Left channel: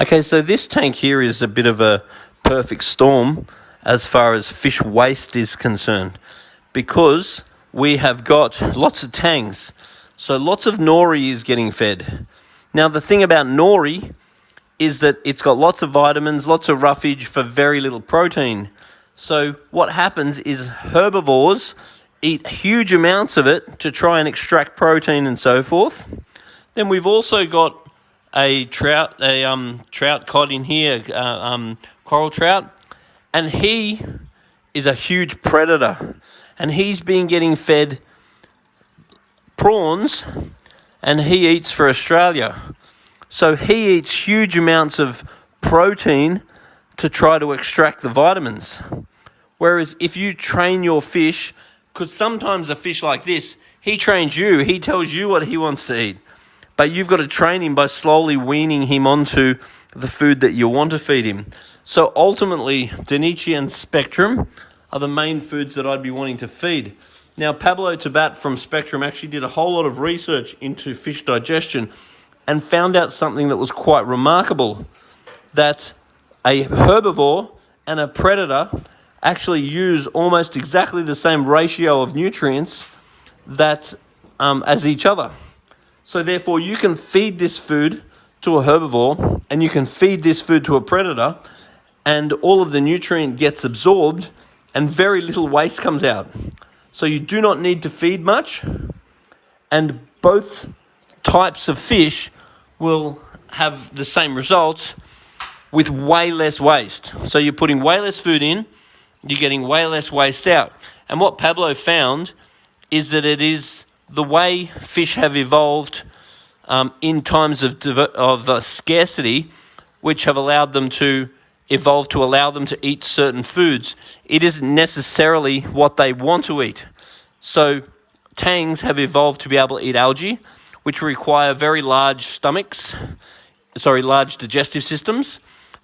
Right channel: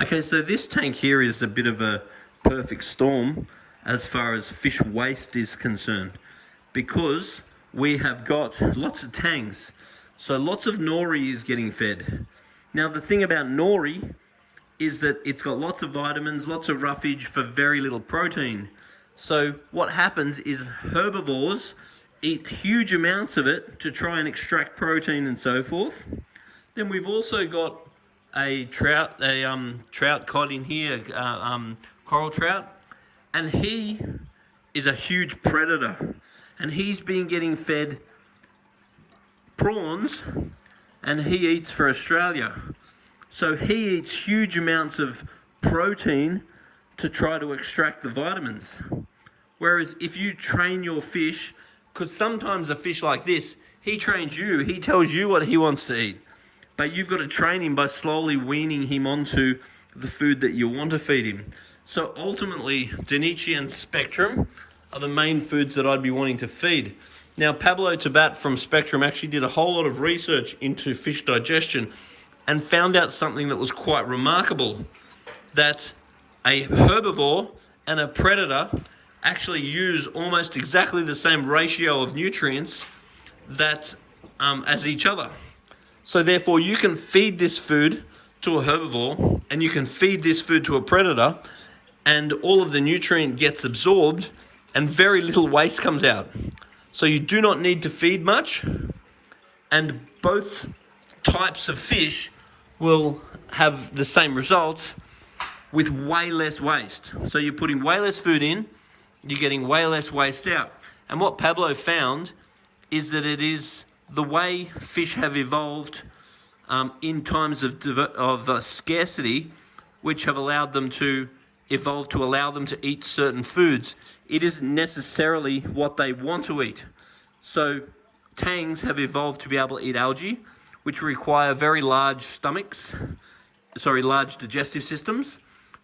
Okay, so this tank here is a bit of a perfect storm as far as fish waste is concerned, because we have got lots of tangs. So lots of nori is getting fed. Now the thing about nori is that it's got lots of vitamins, lots of roughage for very little protein. So what happens is herbivores eat huge amounts of it to try and extract protein and so forth. Then we've also got a trout cod in here, coral trout, and he is a huge predator, and he's been getting fed prawns, and he eats for Australia. So he eats huge amounts of protein to try to extract the vitamins. Whereas if you train your fish, because sometimes a fish like this, he trains you, he tells you what he wants to eat. But you've got to train him by slowly weaning him onto the food that you want to feed him. So ultimately, Denichi and Spectrum are the main foods that I'd be wanting to feed. Now, Pablo Tabat from Spectrum actually did a whole lot of research into fish digestion and found out something that was quite remarkable, that a herbivore and a predator actually use almost exactly the same ratio of nutrients that as each other. So therefore, you can feed this food to a herbivore and you can feed this food to a predator, and all of the nutrient gets absorbed and very little waste comes out. So you do not need to feed much, and both types of fish will have the same results with way less waste. So you're putting way less food in, you're getting way less waste out. And what Pablo found is that it is the way fish have evolved in times of scarcity, which have allowed them to evolve to allow them to eat certain foods. It isn't necessarily what they want to eat. So tangs have evolved to be able to eat algae, which require very large large digestive systems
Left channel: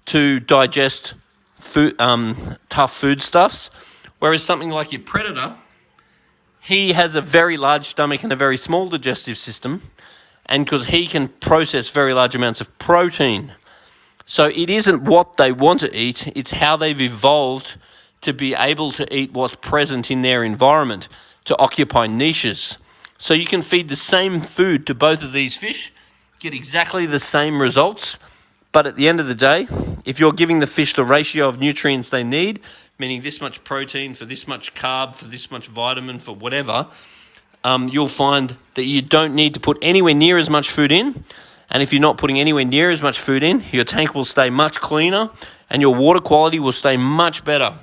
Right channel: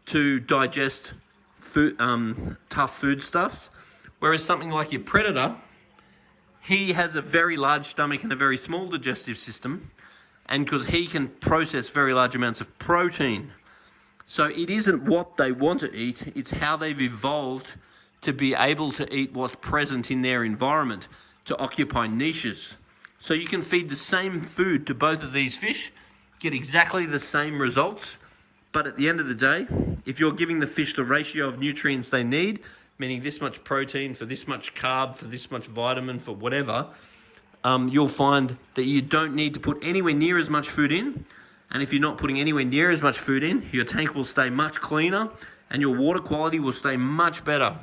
to digest food, tough foodstuffs. Whereas something like your predator, he has a very large stomach and a very small digestive system, and because he can process very large amounts of protein. So it isn't what they want to eat, it's how they've evolved to be able to eat what's present in their environment, to occupy niches. So you can feed the same food to both of these fish, get exactly the same results, but at the end of the day, if you're giving the fish the ratio of nutrients they need, meaning this much protein for this much carb, for this much vitamin, for whatever, you'll find that you don't need to put anywhere near as much food in. And if you're not putting anywhere near as much food in, your tank will stay much cleaner and your water quality will stay much better.